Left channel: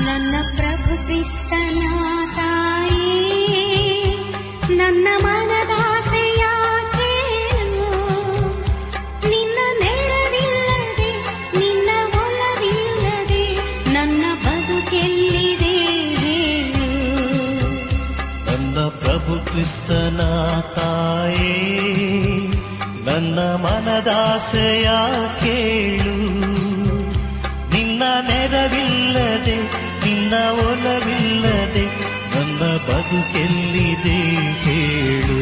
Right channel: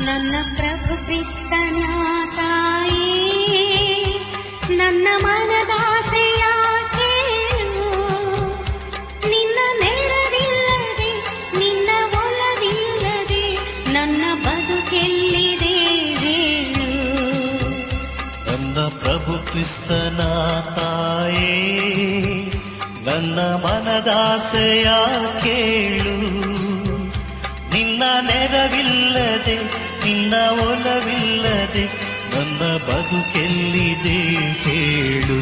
ನನ್ನ ಪ್ರಭು ಕ್ರಿಸ್ತನ ತಾಯಿ, ನನ್ನ ಮನದಾಸೆಯ ಕೇಳು. ನಿನ್ನ ನೆರವಿಲ್ಲದೆ, ನಿನ್ನ ಒಲವಿಲ್ಲದೆ ನನ್ನ ಬದುಕೆಲ್ಲಿದೆ ಹೇಳು. ನನ್ನ ಪ್ರಭು ಕ್ರಿಸ್ತನ ತಾಯೇ, ನನ್ನ ಮನದಾಸೆಯ ಕೇಳು. ನಿನ್ನ ನೆರವಿಲ್ಲದೆ, ನಿನ್ನ ಒಲವಿಲ್ಲದೆ ನನ್ನ ಬದುಕೆಲ್ಲಿದೆ ಹೇಳು.